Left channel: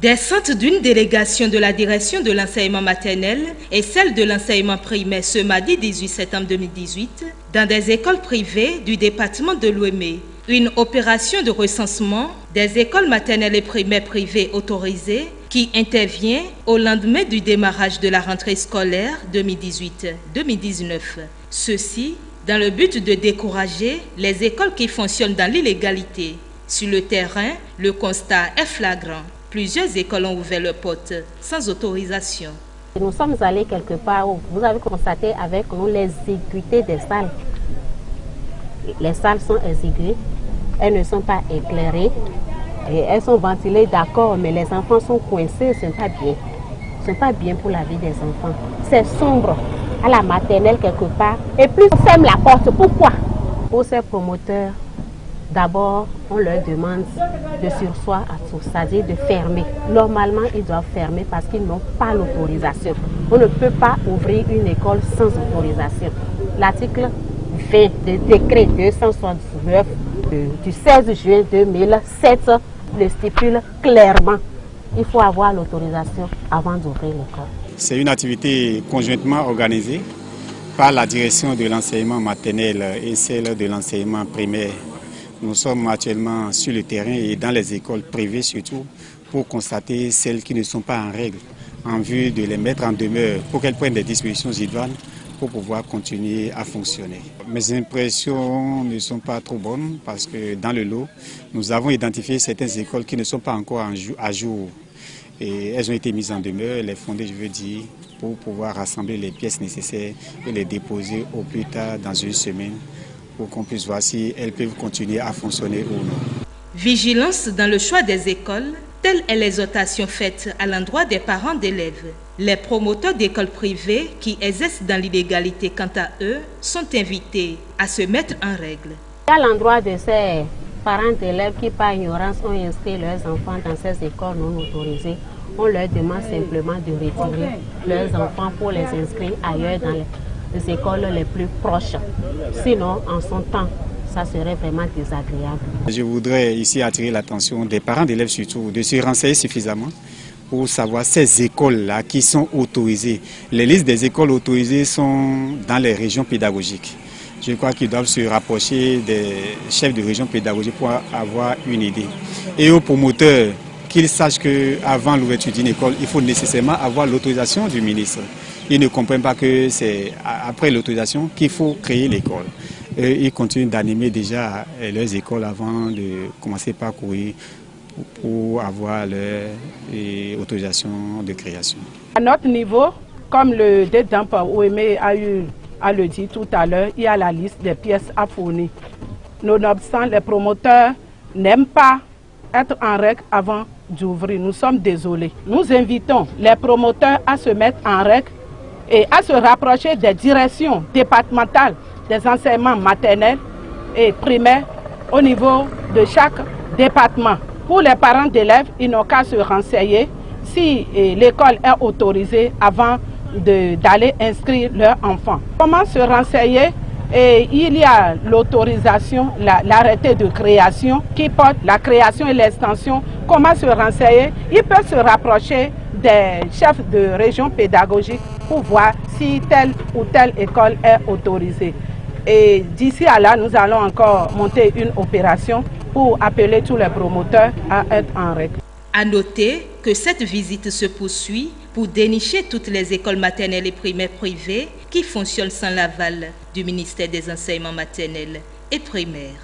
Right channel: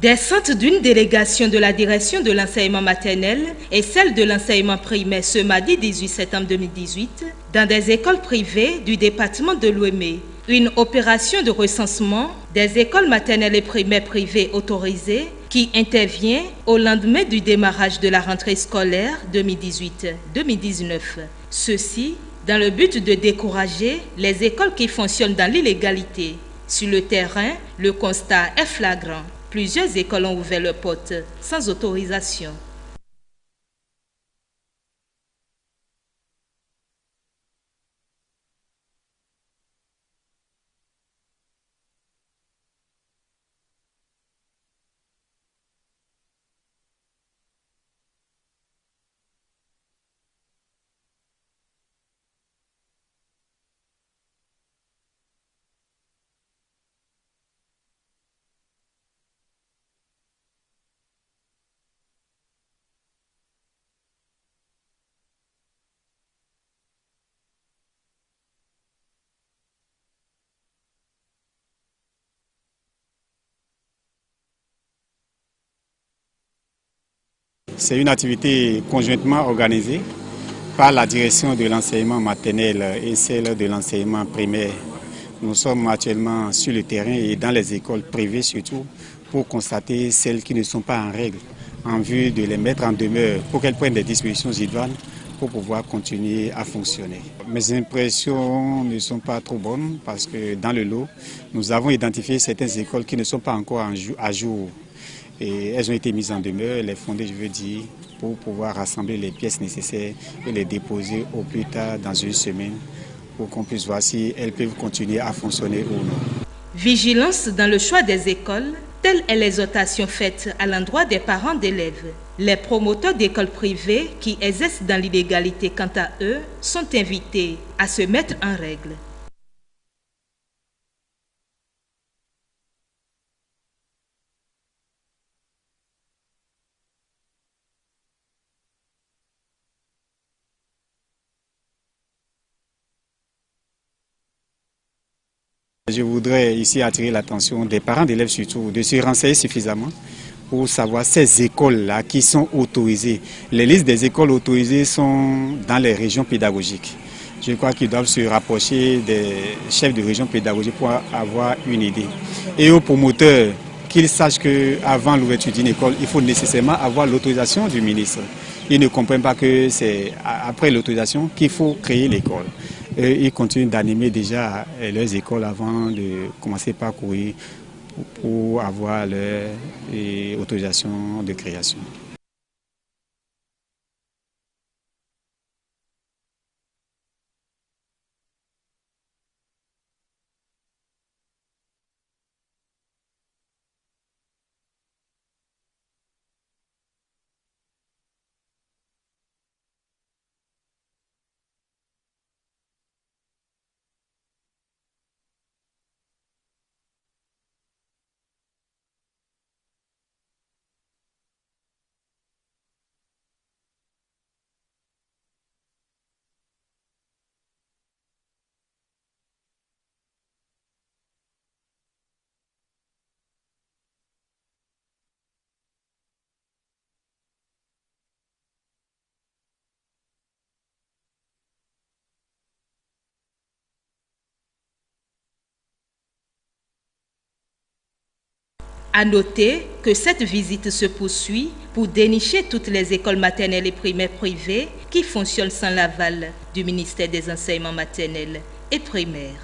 Des centres d'une délégation de la direction de l'enseignement maternel et celle de l'enseignement primaire ce mardi 18 septembre 2018 dans des écoles privées du département de l'Ouémé. Une opération de recensement des écoles maternelles et primaires privées autorisées qui intervient au lendemain du démarrage de la rentrée scolaire 2018-2019. Ceci dans le but de décourager les écoles qui fonctionnent dans l'illégalité. Sur le terrain, le constat est flagrant. Plusieurs écoles ont ouvert leurs portes sans autorisation. Nous sommes allés quelque part où vous avez constaté avec nous l'exiguïté des salles. Les salles sont exiguës, elles ne sont pas éclairées, et elles sont ventilées, d'accord, mais les enfants sont coincés, ce n'est pas bien. Ce n'est pas bien pour la vie des enfants. C'est sombre à la maternelle quelque part. Et plus on ferme la porte, pourquoi? Pour ces promoteurs, d'abord, on leur demande de surseoir à tout, c'est-à-dire de fermer. Normalement, ils doivent fermer parce qu'ils n'ont pas l'autorisation. On ne peut pas ouvrir une école sans autorisation. L'article 20 du décret 269 du 16 juin 2007 le stipule clairement. Il faut avoir l'autorisation avant d'ouvrir l'école. C'est une activité conjointement organisée par la direction de l'enseignement maternel et celle de l'enseignement primaire. Nous sommes actuellement sur le terrain et dans les écoles privées surtout pour constater celles qui ne sont pas en règle en vue de les mettre en demeure pour qu'elles prennent des dispositions idoines pour pouvoir continuer à fonctionner. Mes impressions ne sont pas trop bonnes parce que dans le lot, nous avons identifié certaines écoles qui ne sont pas encore à jour. Et elles ont été mises en demeure, les fondées, je veux dire, pour pouvoir rassembler les pièces nécessaires et les déposer au plus tard dans une semaine pour qu'on puisse voir si elles peuvent continuer à fonctionner ou non. Vigilance dans le choix des écoles, telle est l'exhortation faite à l'endroit des parents d'élèves. Les promoteurs d'écoles privées qui exercent dans l'illégalité, quant à eux, sont invités à se mettre en règle. À l'endroit de ces parents d'élèves qui, par ignorance, ont inscrit leurs enfants dans ces écoles non autorisées, on leur demande simplement de retirer leurs enfants pour les inscrire ailleurs dans les écoles les plus proches. Sinon, en son temps, ça serait vraiment désagréable. Je voudrais ici attirer l'attention des parents d'élèves surtout, de se renseigner suffisamment pour savoir ces écoles-là qui sont autorisées. Les listes des écoles autorisées sont dans les régions pédagogiques. Je crois qu'ils doivent se rapprocher des chefs de région pédagogique pour avoir une idée. Et aux promoteurs, qu'ils sachent qu'avant l'ouverture d'une école, il faut nécessairement avoir l'autorisation du ministre. Ils ne comprennent pas que c'est après l'autorisation qu'il faut créer l'école. Ils continuent d'animer déjà leurs écoles avant de commencer par courir pour avoir leur autorisation de création. À notre niveau, comme le DEDAMP Ouémé a eu à le dire tout à l'heure, il y a la liste des pièces à fournir. Nonobstant, les promoteurs n'aiment pas être en règle avant d'ouvrir. Nous sommes désolés. Nous invitons les promoteurs à se mettre en règle et à se rapprocher des directions départementales des enseignements maternels et primaires au niveau de chaque département. Pour les parents d'élèves, ils n'ont qu'à se renseigner si l'école est autorisée avant d'aller inscrire leur enfant. Comment se renseigner? Et il y a l'autorisation, l'arrêté de création qui porte la création et l'extension. Comment se renseigner? Ils peuvent se rapprocher des chefs de région pédagogique pour voir si telle ou telle école est autorisée. Et d'ici à là, nous allons encore monter une opération pour appeler tous les promoteurs à être en règle. À noter que cette visite se poursuit pour dénicher toutes les écoles maternelles et primaires privées qui fonctionnent sans l'aval du ministère des enseignements maternels et primaires.